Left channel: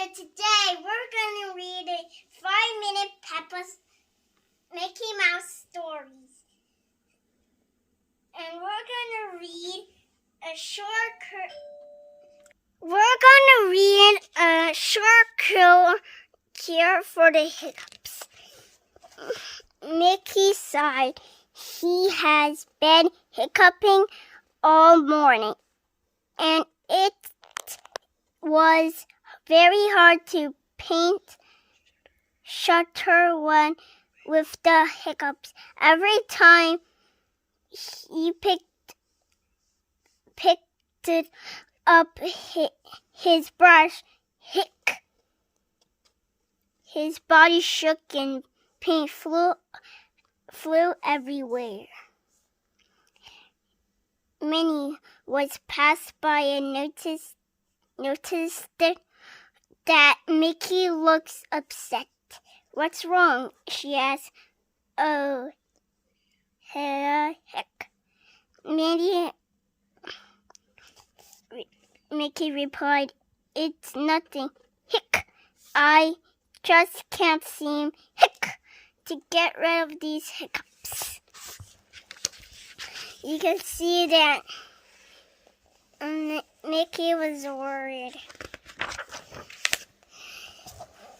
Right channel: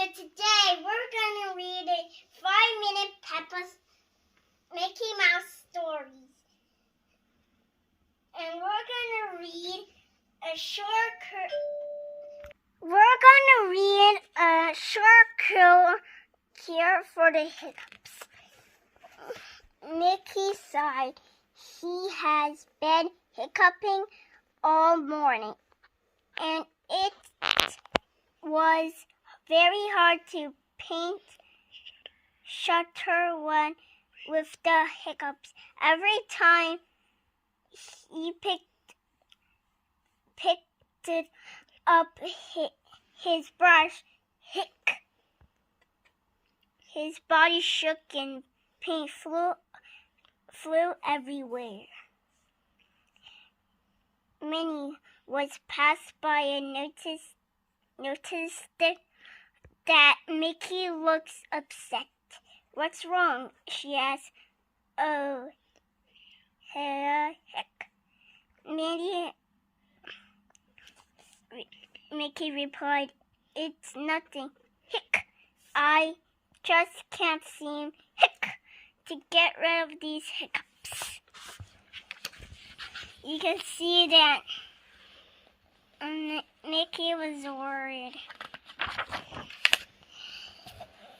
So today we're going to read a 5-minute Peppa's Mickey Mouse stories. And we're going to read a short cure for the hiccups. Mickey sighed. He has been hiccuping all morning, and it was very hard to paint shutter one with the hiccups. Every time he picked it up, his brush his body shook and paint flew everywhere. Minnie was passed by and noticed that Mickey looks upset. "What's wrong?" she asked. "Oh, heck." Mickey replied, "It's nothing. Hick. I just can't seem to get rid of these hiccups." You can see that Mickey was worried.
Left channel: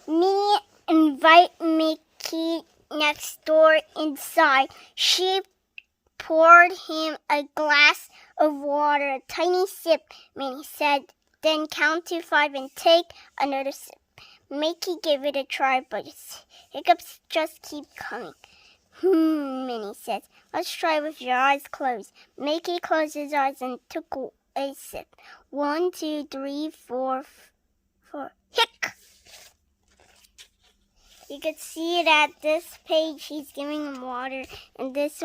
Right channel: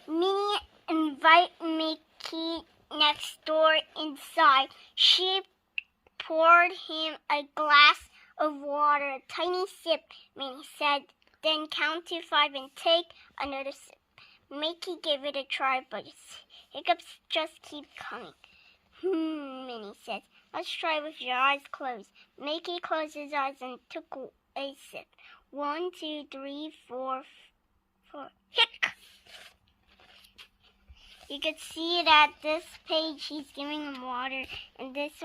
Minnie invited Mickey next door inside. She poured him a glass of water. "A tiny sip," Minnie said. "Then count to 5 and take another sip." Mickey gave it a try, but his hiccups just keep coming. Minnie said. "Let's try with your eyes closed." Mickey closed his eyes and took a sip. 1, 2, 3, 4, 4. Hick! You can see that this page he's giving him water, and this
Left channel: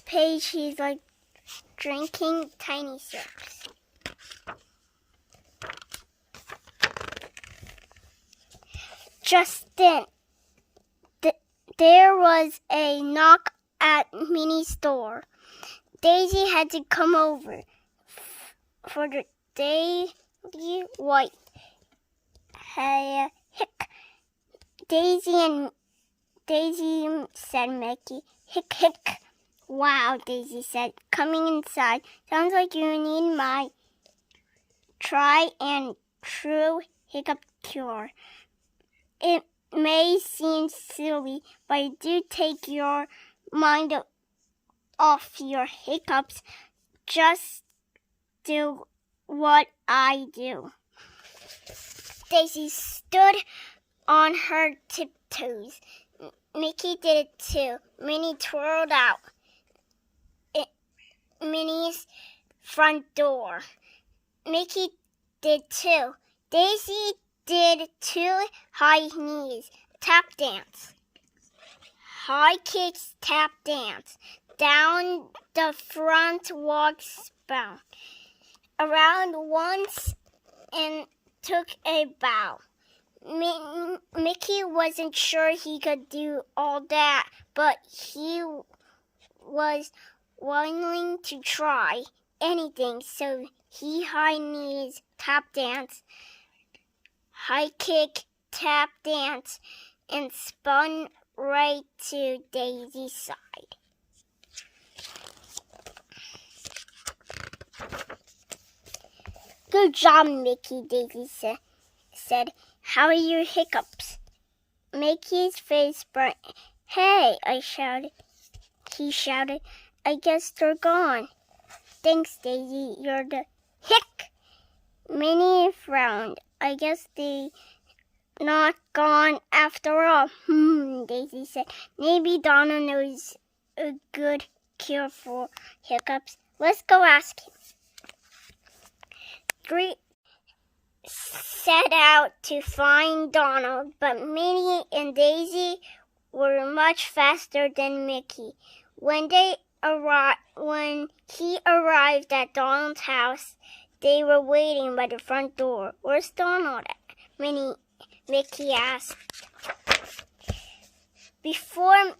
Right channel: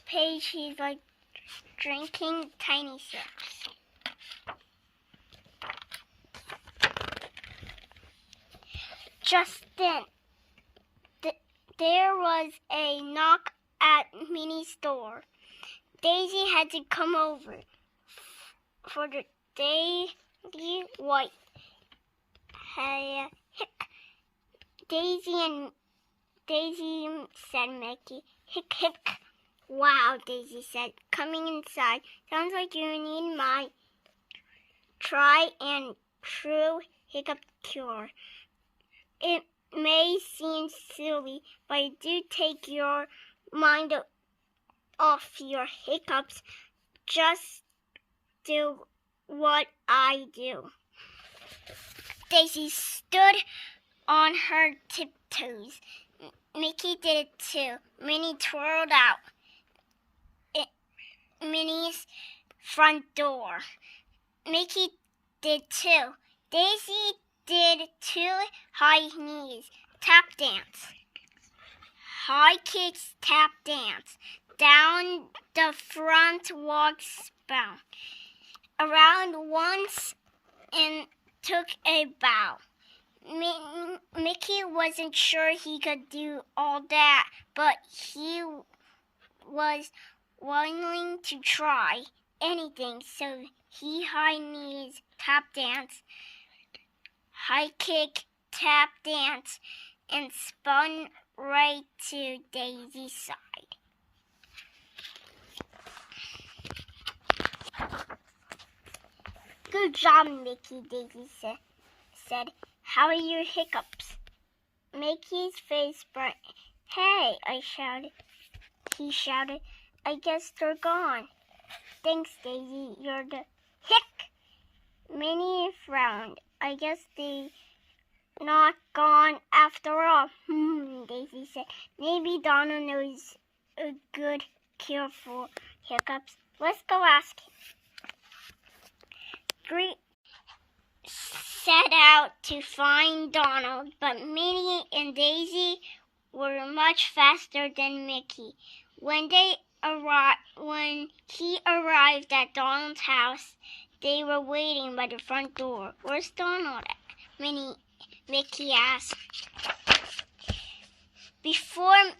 page he's like drinking tiny sips. Just then, there was a knock at Minnie's door. Daisy had to come over for the Daisy White. "Hey, hick." Daisy, said Mickey. "Hick, hick." "Wow," Daisy said, coming inside. "Sounds like you need my try and true hiccup cure. It may seem silly, but do take your mind off your hiccups. Just do what I do." Daisy stood on her tiptoes. Mickey did it too. Minnie twirled out Minnie's front door. Mickey did too. Daisy did 2 high knees, tap dance. High kicks, tap dance. Down the front walk spout. Around once and took a bow. Mickey wasn't sure he could do all that, but he was willing to try anything, so he high knees, tap dance, high kick, tap dance, and spun right to Daisy's side. "Good job, Mickey," Daisy said. "How are your hiccups?" Mickey's face burned. "Hey," he shouted. "I guess they're gone." "Thanks, Daisy. You're the hick." Minnie frowned. "I guess they're not gone after all." Daisy said. "Maybe Donna knows a good cure for hiccups. Let's go ask him." 3 set out to find Donald, but Minnie and Daisy were much faster than Mickey. When he arrived at Donald's house, they were waiting by the front door. "Where's Donald at?" Mickey asked. Before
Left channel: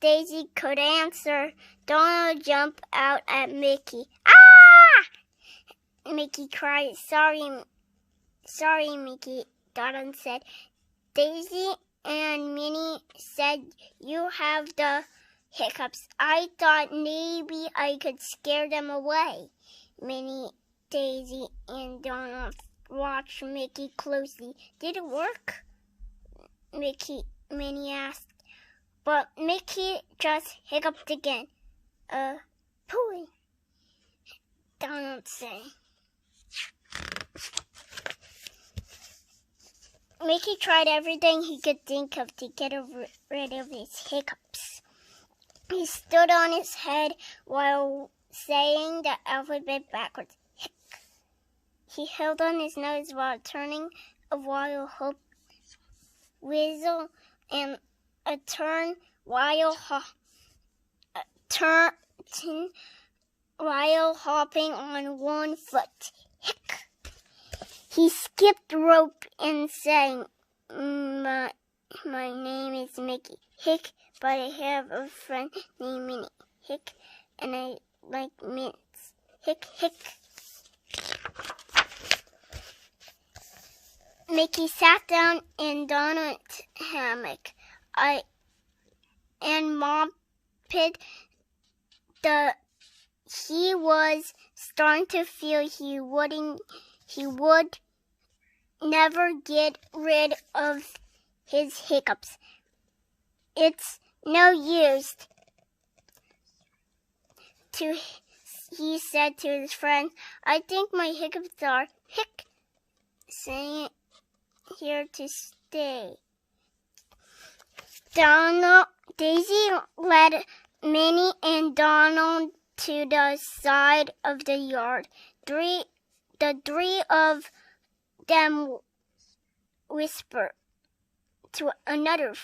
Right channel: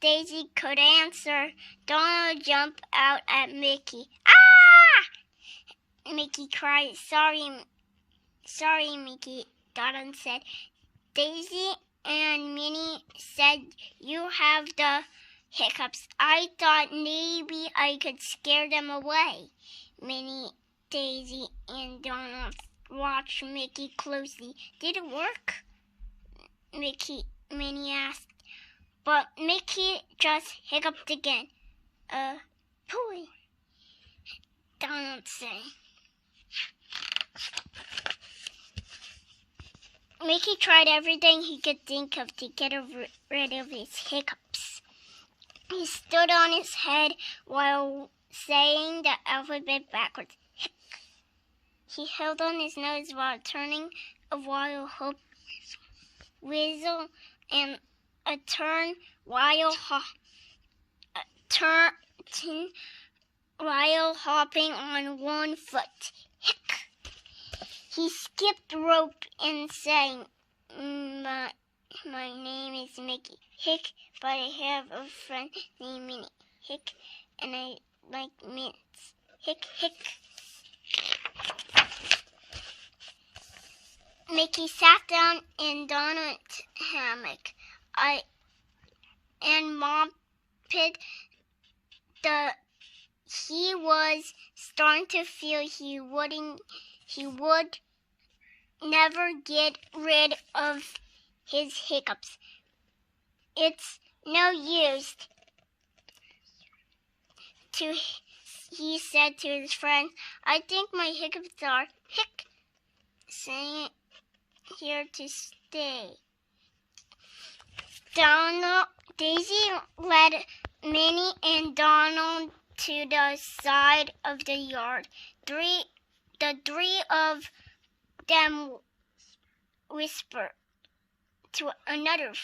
Daisy could answer, Donald jumped out at Mickey. "Ah!" Mickey cried. Sorry, Mickey, Donald said. Daisy and Minnie said, you have the hiccups. I thought maybe I could scare them away. Minnie, Daisy, and Donald watched Mickey closely. Did it work? Minnie asked. But Mickey just hiccuped again. Pooey, Donald said. Mickey tried everything he could think of to get rid of his hiccups. He stood on his head while saying the alphabet backwards. Hic. He held on his nose while turning a while whistle and a turn while hopping on one foot. Hic. He skipped rope and sang, My name is Mickey. Hick, but I have a friend named Minnie. Hick, and I like mints. Hick, hick. Mickey sat down in Donald's hammock and mopped he was starting to feel he would never get rid of his hiccups. It's no use, he said to his friends. I think my hiccups are here to stay. Daisy led Minnie and Donald to the side of the yard. The three of them whispered to another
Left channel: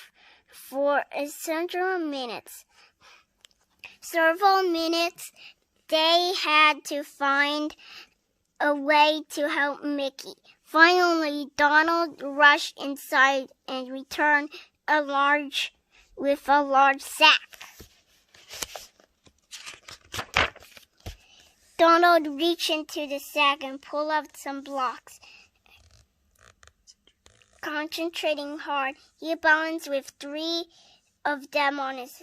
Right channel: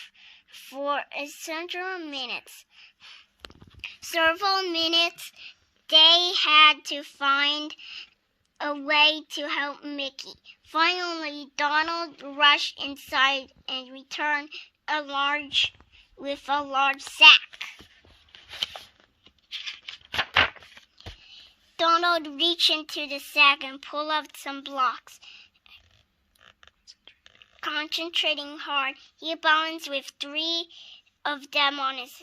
for several minutes. They had to find a way to help Mickey. Finally, Donald rushed inside and returned with a large sack. Donald reached into the sack and pulled out some blocks. Concentrating hard, he balanced with 3 of them on his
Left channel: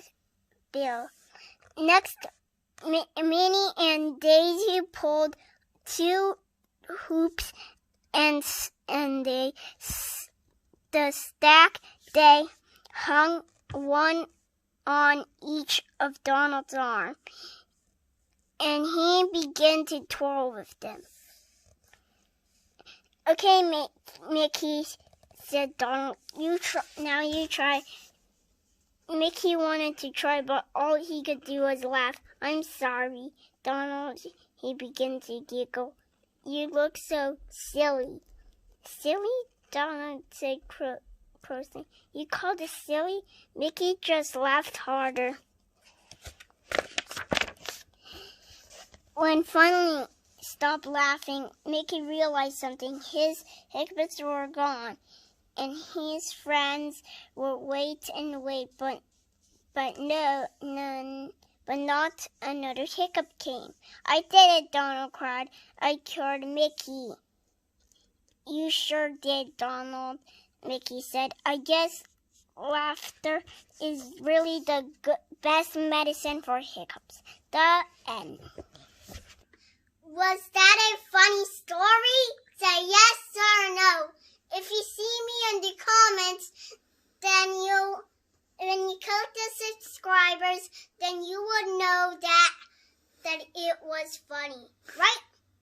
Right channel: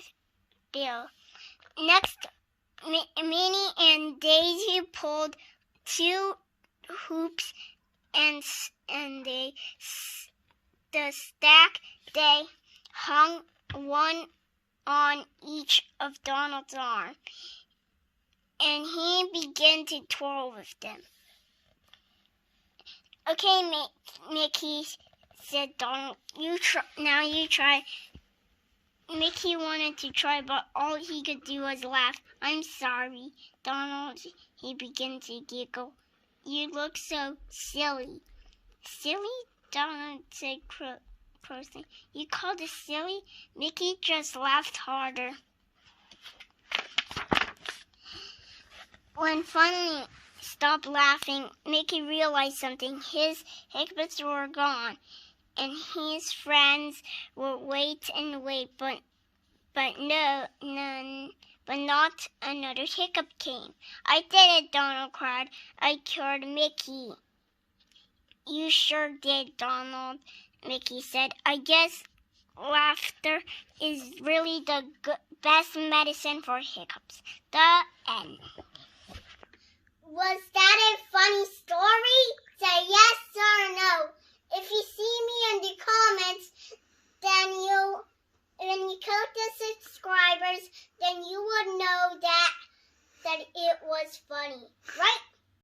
bill. Next, Minnie and Daisy pulled 2 hoops and the stack they hung one on each of Donald's arm, and he began to twirl with them. Okay, Mickey, said Donald. You try. Mickey wanted to try, but all he could do was laugh. I'm sorry, Donald. He began to giggle. You look so silly. Silly? Donald said crossly. You called it silly? Mickey just laughed harder. When finally stopped laughing, Mickey realized something. His hiccups were gone, and his friends would wait and wait, but not another hiccup came. I did it, Donald cried. I cured Mickey. You sure did, Donald, Mickey said. I guess laughter is really the best medicine for hiccups. The end. Was that a funny story? Say yes or no. If you see me in the comments, then when you click the subscribers, then you would know that it was funny, right?